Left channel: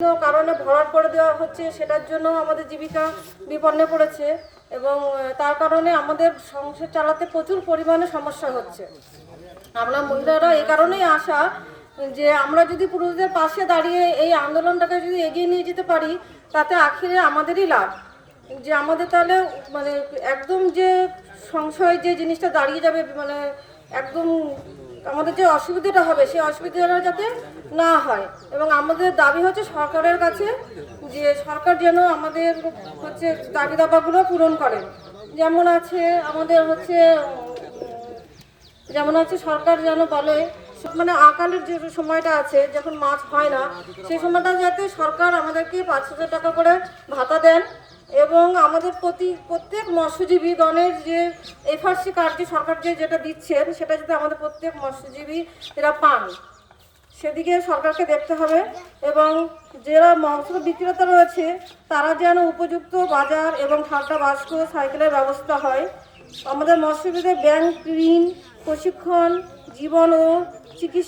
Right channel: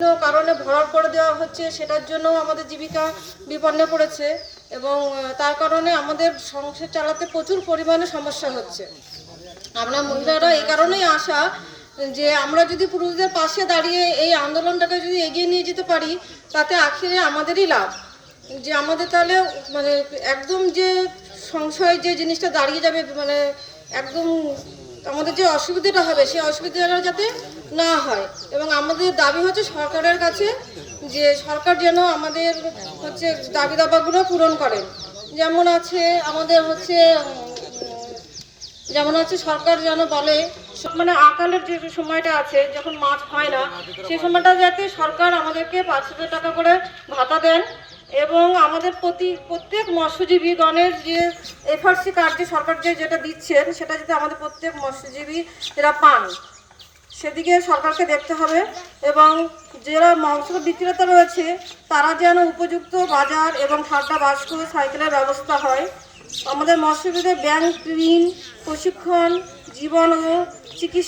কারণে ভরাট করে দেওয়া হচ্ছে, সেটার জন্য আমাদের জীবিকা বিপন্নে পড়েছে এবং তার কারণে আমাদের সংসার চালাতে প্রচুর পরিমাণে সমস্যা হচ্ছে। আমরা মহিলারা এই কারণেই আশা যে আমরা যদি পুরুষদের পাশে দাঁড়িয়ে এই আন্দোলনটাকে যদি এগিয়ে নিয়ে যেতে পারি, তাতে আখেরে আমাদেরই লাভ। যে আমাদের তাহলে মানে একদম যে সংশয় যে জিনিসটা দাঁড়িয়ে যাবে, মানে একদম আমাদের যে অসুবিধাটা হবে সেই অসুবিধাটা যাতে না হয়। এবং আমাদের দাবি হচ্ছে সরকারের কাছে যে সরকার যেন আমাদের হচ্ছে দাবি দাবাগুলো পূরণ করেন। যেমন আছে আমাদের হচ্ছে সরকার যেন বলে মানে আকালের যে সময়টা আছে যখন মাছ হয় না, সেই সময়টা যাতে সরকার আমাদেরকে 5,000 টাকা করে ভাতা দেন এবং আমাদের প্রত্যেক মৎস্যজীবী গণের যে এফআরসি কার্ড যে সরকার যেটা দিচ্ছেন সেটা যাতে আমাদের প্রত্যেক মৎস্যজীবী এরা পান, সেদিকে সরকারকে দেখতে হবে। এবং যারা মৎস্য বিক্রেতা রয়েছে তারা যেন উপযুক্ত বাজার এবং ঠান্ডা বাস্ক সাইকেলের ব্যবস্থা হয়। আমাদের মৎস্যজীবীদের ব্যাংক ঋণ, প্রশিক্ষণ, জীবন ও চিকিৎসা